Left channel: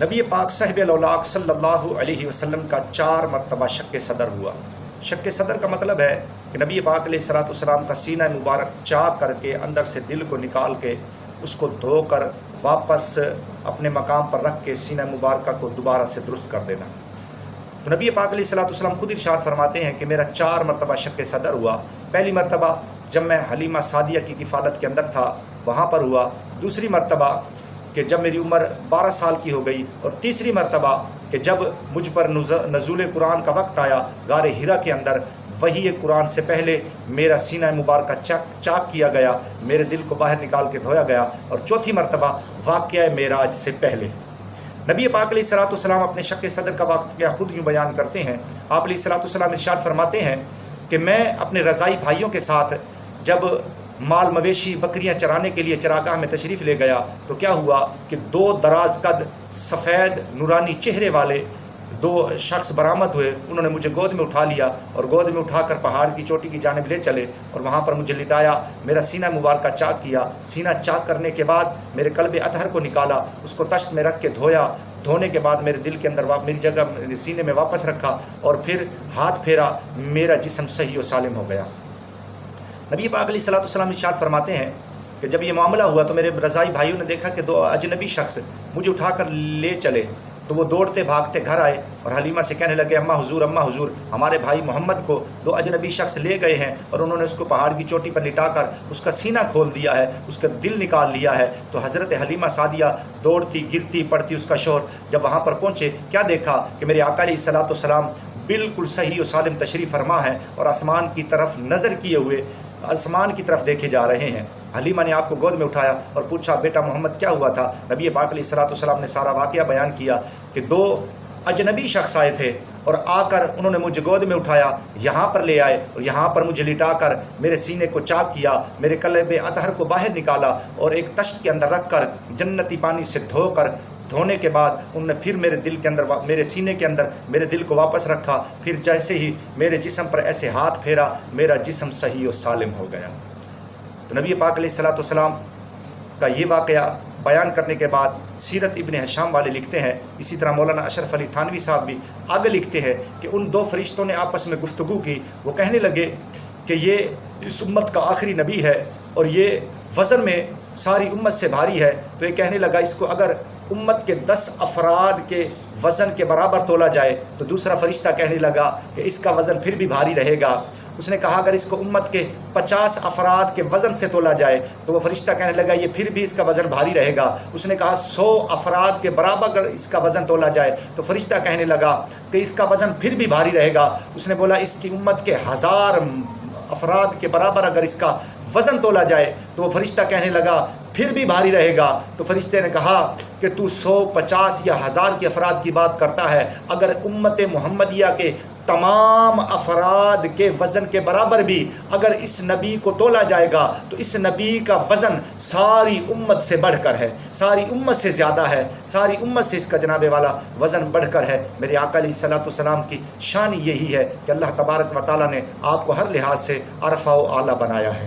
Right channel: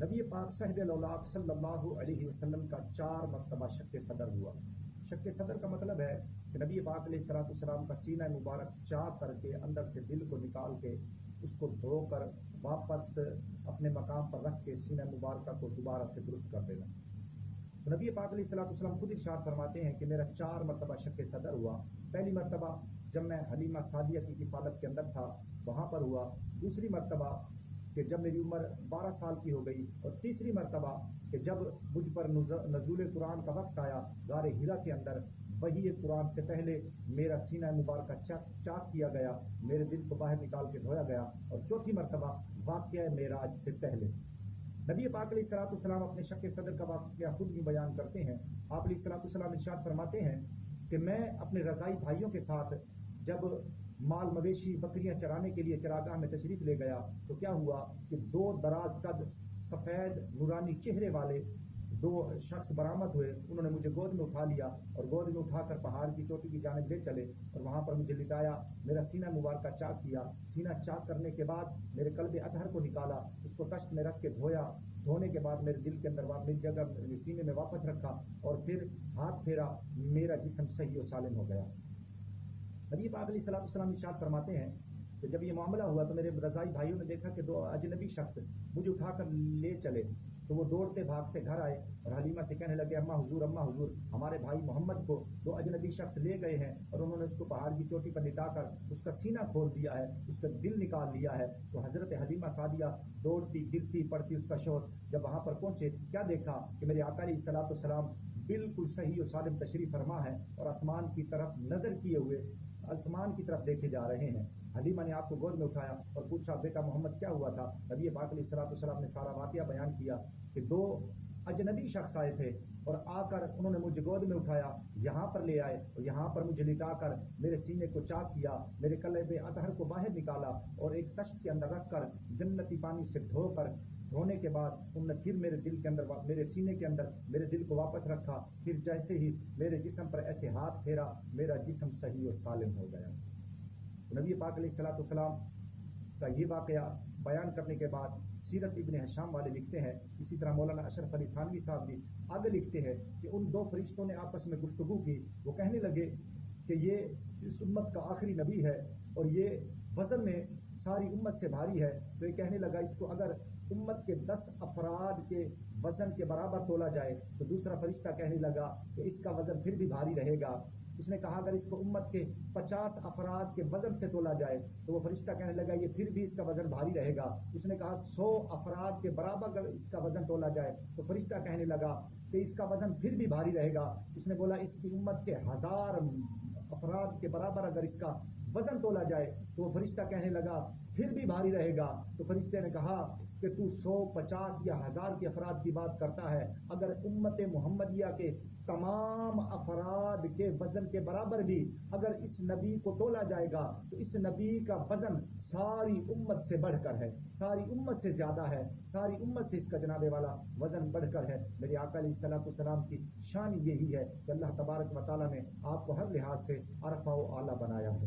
نبی پاک صاحب الاولاق صلی اللہ علیہ وسلم کا 4 مرتبہ شق صدر ہوا۔ شق صدر کا مطلب ہے کہ نبی پاک علیہ الصلوۃ والسلام کا سینہ مبارک چاک کر کے اندر سے دل کو نکال کے اس کو دھو کر واپس اپنے مقام پر رکھ کے سینہ مبارکہ کو دوبارہ سے درست کر دینا۔ تو نبی پاک علیہ الصلوۃ والسلام خود ارشاد فرماتے ہیں کہ میرا 4 مرتبہ شق صدر ہوا۔ پہلی مرتبہ جب میں حلیمہ سعدیہ کی کفالت کے اندر تھا وہاں پر ہوا، دوسری مرتبہ کہ جب میری عمر 12 سال کی ہو گئی، اور تیسری مرتبہ کہ جب مجھ پر نزول قرآن کا وقت آیا غار حرا کے اندر، وحی قرآن سے پہلے میرا سینہ مبارکہ چاک کیا گیا، میرے دل کو باہر نکال کے دھویا گیا، اور چوتھی مرتبہ واقعہ معراج سے پہلے۔ نبی پاک علیہ الصلوۃ والسلام اپنے شق صدر کا واقعہ خود یوں بیان کرتے ہیں۔ آپ علیہ الصلوۃ والسلام ارشاد فرماتے ہیں کہ میں اپنے رضائی بھائیوں کے ساتھ جب مال مویشی بکریاں چرانے کے لیے چراگاہ میں تشریف لے گیا تو کیا ہوا کہ 2 دراز قد سفید نورانی چہرے والے 2 شخص برآمد ہوئے۔ انہوں نے مجھے گود میں اٹھا لیا اور گود میں اٹھا کر پہاڑ کی چوٹی کی جانب لے چلے اور وہاں پر مجھے لٹایا، میرا سینہ مبارکہ چاک کیا۔ سینہ چاک کرنے کے بعد میرے قلب اطہر کو نکالا، اس کو تشت میں رکھ کے دھویا، دھونے کے بعد میرے دل کے اندر میری جگہ سینے میں واپس رکھا اور پھر ہاتھ پھیرا، میرا جسم صحیح و سالم ہو گیا۔ نبی پاک علیہ الصلوۃ والسلام ارشاد فرماتے ہیں کہ جب یہ معاملہ ہوا تو میرے رضائی بھائیوں نے دیکھا کہ 2 اجنبی شخص مجھے اٹھا کر لے چلے، تو وہ دوڑتے بھاگتے گھر آئے اور حلیمہ سے کہنے لگے، اماں حضور، ہمارے بھائی محمد کو 2 اجنبی شخص لے گئے ہیں اور انہوں نے اس کو پہاڑ کی چوٹی پر لٹا کر اس کا سینہ کھول دیا ہے، اس کا دل نکال لیا ہے۔ تو حضرت حلیمہ سعدیہ دوڑتی گرتی پڑتی اس کا شوہر جب وہاں پر پہنچے، کیا دیکھا کہ میرے آقا علیہ الصلوۃ والسلام بالکل صحیح و سالم تشریف فرما ہے اور آسمان کی طرف نظر کیے ہوئے آسمان کی طرف دیکھے جا رہے ہیں۔ حلیمہ نے آپ کو گود میں اٹھایا اور پوچھا، بیٹا محمد کیا ہوا تھا؟ نبی پاک علیہ الصلوۃ والسلام نے سارا واقعہ بیان کیا کہ 2 اجنبی شخص آئے تھے اور آ کر انہوں نے مجھے گود میں اٹھایا، یہاں پر لے آئے اور یہاں پر مجھے لٹا کر میرے سینے کو چاک کیا، میرے قلب اطہر کو باہر نکالا اور ایک تشت کے اندر رکھ کر جنتی پانی سے دھونے کے بعد انہوں نے پھر میرے دل کے اندر میرے سینے کے اندر میرے دل کو واپس رکھا، پھر جیسے ہی میرے جسم پر ایسے ہاتھ پھیرا، میرا جسم صحیح و سالم ہو گیا۔ تو نبی پاک علیہ الصلوۃ والسلام کا یہ واقعہ بیان کرنے کے بعد سیرت ابن ہشام والے لکھتے ہیں، اسی طرح مولانا اشرف علی تھانوی صاحب بھی آگے لکھتے ہیں کہ ان 2 فرشتوں نے آپس میں گفتگو کی۔ وہ کہنے لگے کہ یہ اس امت کا آخری نبی ہے اور یہ وزن میں ساری امت سے بھاری ہے۔ تو یہ کہنے لگا اس کو اگر امت کے 10 افراد کے وزن کے برابر تولا جائے تو دوسرا فرشتہ کہنے لگا کہ اس کا وزن پھر بھی بھاری رہے گا۔ اس نے کہا اگر اس کو امت کے 50 افراد کے وزن سے تولا جائے تو وہ فرشتہ کہنے لگا یہ پھر بھی اس کا وزن بھاری رہے گا۔ اس نے کہا 100 افراد کے برابر اگر اس کا وزن تولا جائے تو فرشتہ کہنے لگا کہ اس کا وزن پھر بھی بھاری رہے گا۔ اس نے بولا اس کی امت کے 1000 افراد کے برابر اگر اس کا وزن تولا جائے تو وہ فرشتہ کہنے لگا پھر بھی بھاری رہے گا۔ تو فرشتے نے کہا کہ تو 100، 50 یا 1000 کے افراد کی بات کرتا ہے، اگر امت محمدیہ کے تمام افراد کے وزن کے برابر بھی اگر اس نبی کو تولا جائے گا تو اس نبی کا وزن ساری امت سے بڑھ کر ہے، ساری امت سے زیادہ ہے، ساری امت سے اس کا جناب والا وزن بڑھ کر ہے۔ میرے آقا علیہ الصلوۃ والسلام کی شان یہی ہے کہ اللہ تبارک و تعالیٰ نے آپ کو ہر لحاظ سے عرفہ و اعلیٰ بنایا ہے۔